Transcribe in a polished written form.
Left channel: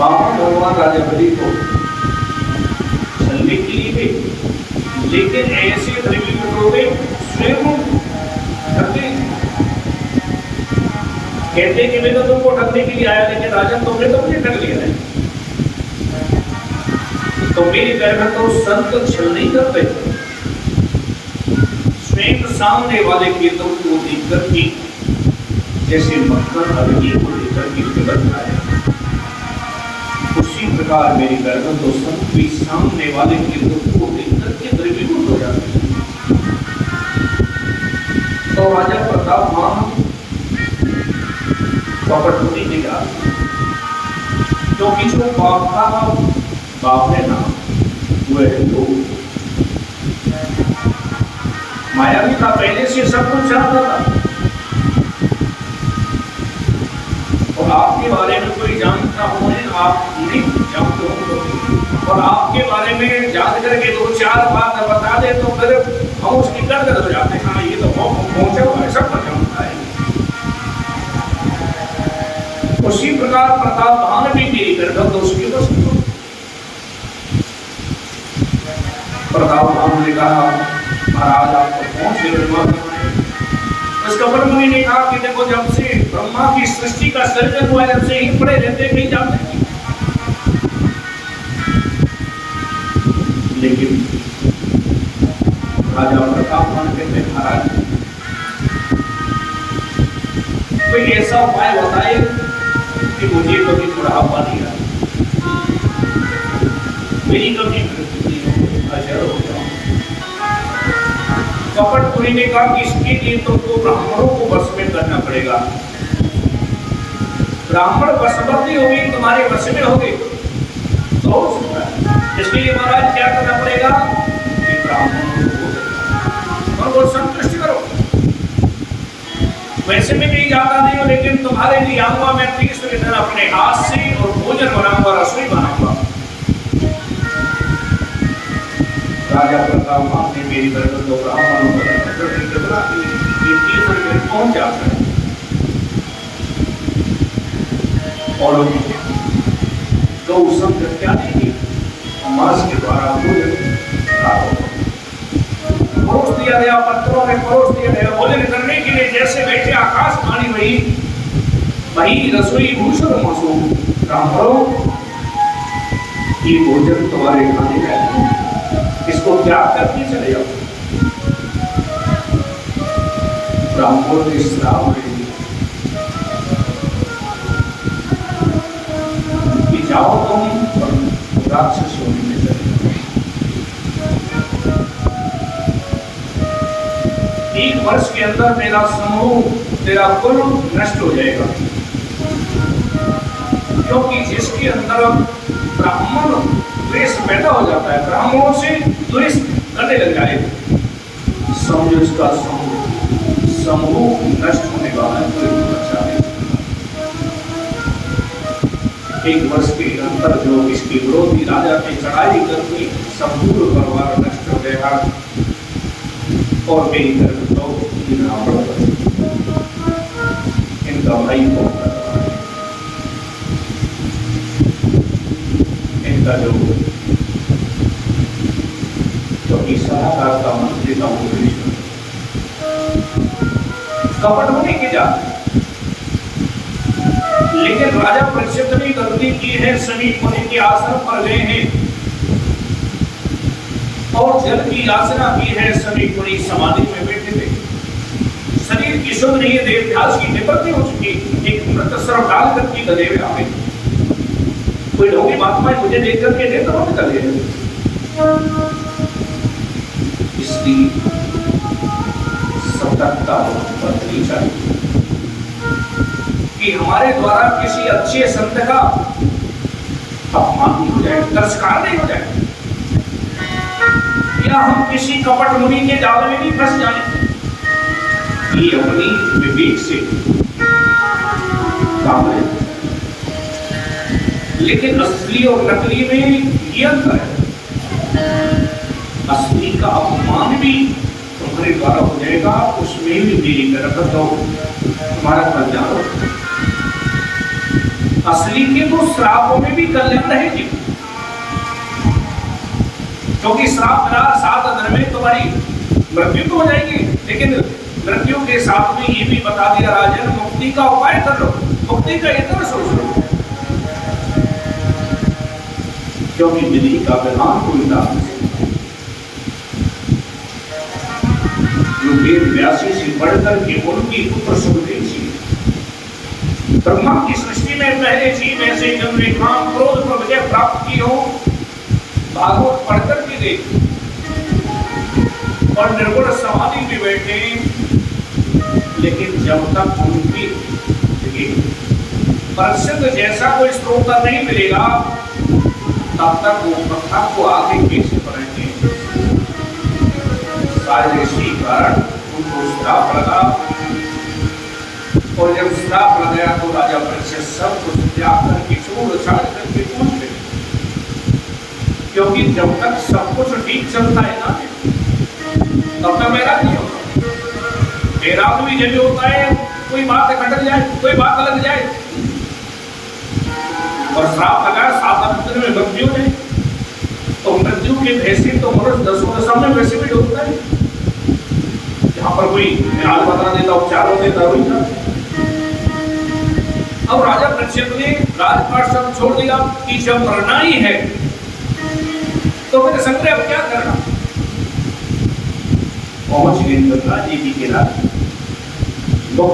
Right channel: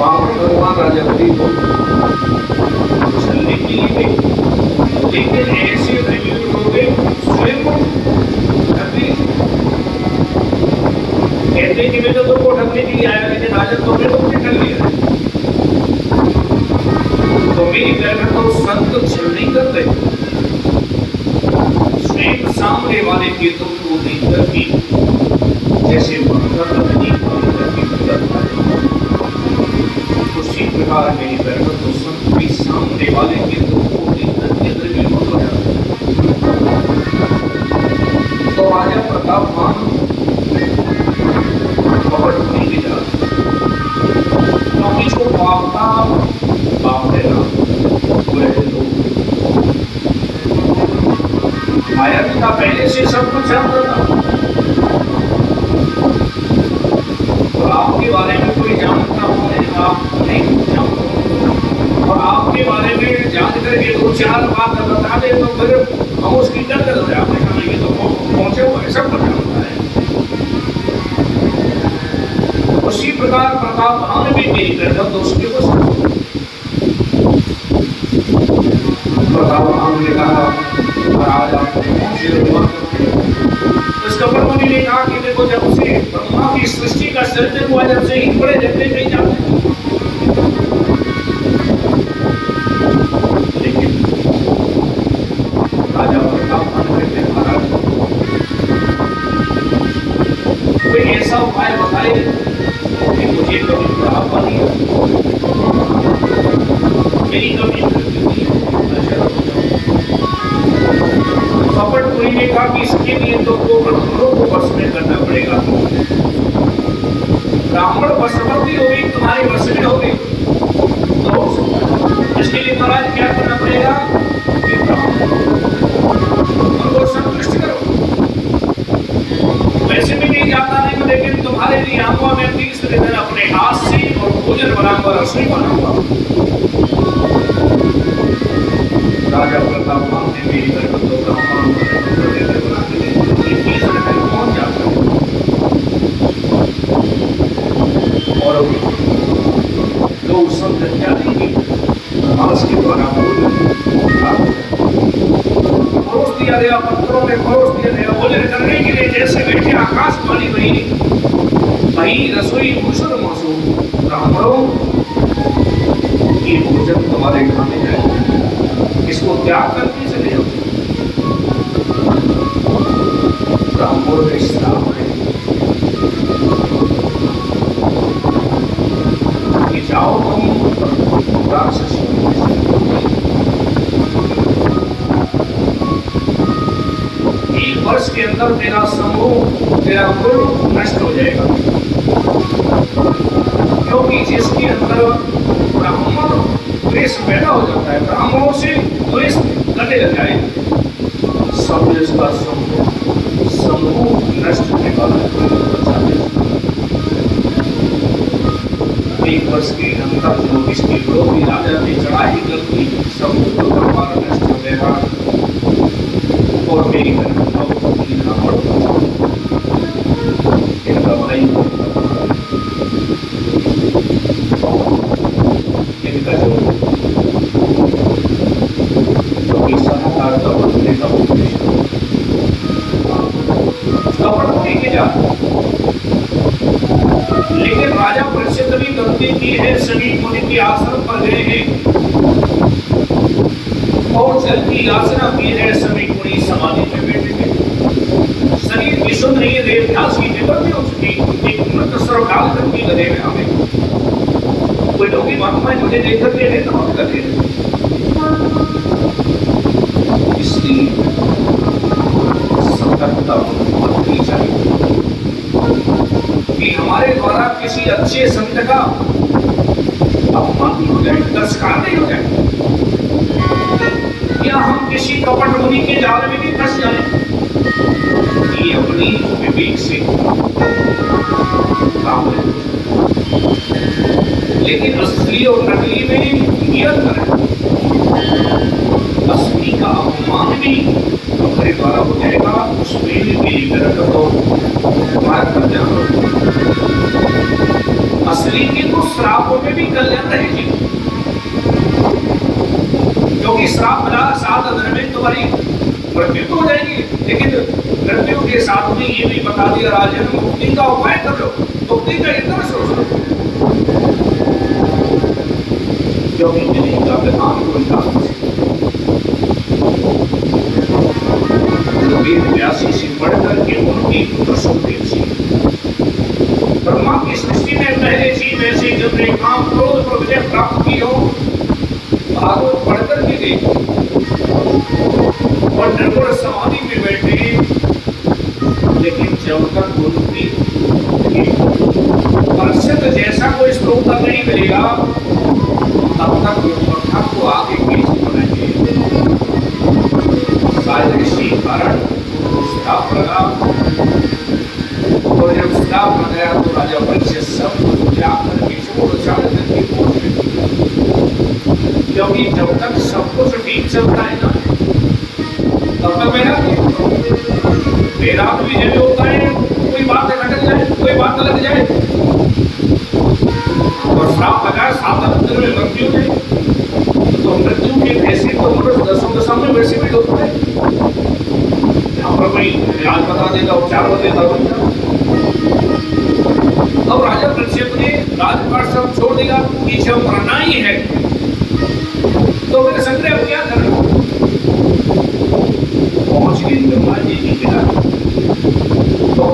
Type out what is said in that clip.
वहां भगवान राजा बलि को चलने के लिए गए, लेकिन ऐसे त्रिविक्रम स्वयं कहते कि मैं तो तुमको ढकने के लिए आया, लेकिन राजा तुमने तो मुझे ढक लिया है। तो मेरी कहना तो संत छल नहीं करते, स्वयं सामने वाले के तो को देखकर भी जैसे मक्खर अग्नि को देखकर भी पिघलता है, उसी प्रकार मेरी कहना तो संत भी सामने वाले के तो को देखकर के द्रवीभूत हो जाता है। तो राजा प्रताप मान कपट होने के जा, क्योंकि जो बाप का बाप है ना, वह लोग माया भी था, पहले से सब कुछ जानता था। और आपके बारे में कोई जानता हो, आप नहीं जानते हो, और आपके बारे में जान करके दो चार बात बता दे तो फिर हम उसकी करके हो जाते हैं, हाँ ये तो पहुंचे हुआ है, सब कुछ जानता है। उसी प्रकार प्रताप भान भी मेरी करता तो उसके बस प्रताप भान ने कहा महाराज आप पहुंचे। उस कपट मुनि ने कहा कि देखो जब से ब्रह्मा की सृष्टि का सर्जन हुआ जब से ही पड़े रहते नहीं जाते, लेकिन राजा प्रताप भान कहते महाराज कोई ऐसा उपाय बताए कि मुझे कभी बुढ़ापा नहीं आता, मेरी कभी कपट मुनि ने कहा कि इसके लिए तो ब्राह्मणों को वश में करना पड़ेगा। ब्राह्मण वशवर्ती होगी, तुम्हारे वश में होगी तो इसके लिए महाराज क्या करना पड़ेगा कि ब्राह्मणों को संतुष्ट करो। वैसे में नहीं जाता नहीं हो, लेकिन तुम्हारे लिए आऊंगा मैं 30 दिन अपने हाथ से और भोजन बनाऊंगा, रसोई बनाऊंगा। राजा प्रताप भान ने मेरी घर पर दो ब्राह्मणों कौन जाता है और गौ संघ क्या देगी मांस के द्वारा परोस दिया गया, पत्थरों में परोस दिया गया भोजन करने के लिए। जैसे बैठे आकाशवाणी वही रसोई मुसुर मसू ब्राह्मणों की भोजन तुम्हारे खाने जाए, इसको त्याग करके चले जाओ। ब्राह्मण ने श्राप कि जाओ तुम राक्षसों में, एक वर्ष के अंदर तेरा समूह तेरा कुल नष्ट हो जाएगा, क्योंकि जिसके अंदर ब्राह्मण द्वेष पैदा हो जाता है, ब्राह्मणों से द्वेष कटे लग जाए, समझ का समूह नष्ट होने वाला है, कोई बचा नहीं। एक वर्ष के अंदर जो इसके विरोधी राजा ने चढ़ाई कर दी, समूह परिवार नष्ट हो गया और मेरी तरफ इनका भाई इनका जो सलाहकार था उन्होंने का कपट होने के जा, लेकिन राजा परीक्षित ने गलती की है, सभी मुनि के आश्रम पर गए हैं और जल की याचना की है, सभी मुनि समाधि में बैठे थे, शरीर की सुध नहीं है, देवदास की निवृत्ति हो चुकी, एक मृत सर्व काल करके गधे में आवे कोई ढोंगी महात्मा मुझे देख करके नेत्र बंद कर दे, इसलिए सतर्कता बरतनी चाहिए कि हमारे द्वारा किसी अच्छे संत का अपमान नहीं हो जाए, तिरस्कार नहीं हो जाए, या हम किसी कपट मुनि के जाल में भी फंस जाए। ये अपनी विवेक से काम है, लेकिन असली और नकली में ये अंतर है। असली का अपमान भी तुम्हारे द्वारा हो जाएगा, उसमें भी मेरी तरफ तो हमारा कल्याण हो। असली के तो श्रापों में भी कल्याण रहेगी, क्योंकि श्राप मिला 7 दिन में तुम्हारी मृत्यु तो हो जाएगी, लेकिन मृत्यु के साथ में ये भी बता दिया राजन, मुक्ति का उपाय कर लो, मुक्ति का इतना सोच लो, क्योंकि विधि का विधान कोई नहीं। वेद व्यासी से बढ़कर के उनकी पुत्र सुखदेव जी, ब्रह्मा की सृष्टि में पहले जीव ऐसे जिन्होंने काम क्रोध पर विजय प्राप्त की हो, भागवत पढ़कर भी देखो और निर्गुण समाधि में बैठे, लेकिन जब तक उनकी प्रसिद्ध जैसा कोई श्लोक नहीं मिलेगा तब तक वो कथा को आगे खींच रहेंगे। शायद इसी कारण उनको श्राप लगा, और जब श्राप लग गया तो राजा परीक्षित सब कुछ त्याग करके छोड़ करके पहुंच गए, क्योंकि जब तक सब कुछ ठीक चलता है ना तब तक मेरा नहीं होता। मेरा तो भी यही होता है, कोई बात खटक जाए, कोई बात लग जाए और श्राप लगा 7 दिन में मृत्यु हो जाए, तो मृत्यु के भैसे तो मनुष्य 10 दशा में वैसे भी होता है, यहाँ पर कोई इलाज बता देता, उपचार हो देता कोई था। अब राजा परीक्षित ने राजपाट सब छोड़ दिया कि जब मरना ही है तो फिर संग्रह क्या करना, पहुंच गए गंगा जी के किनारे। तो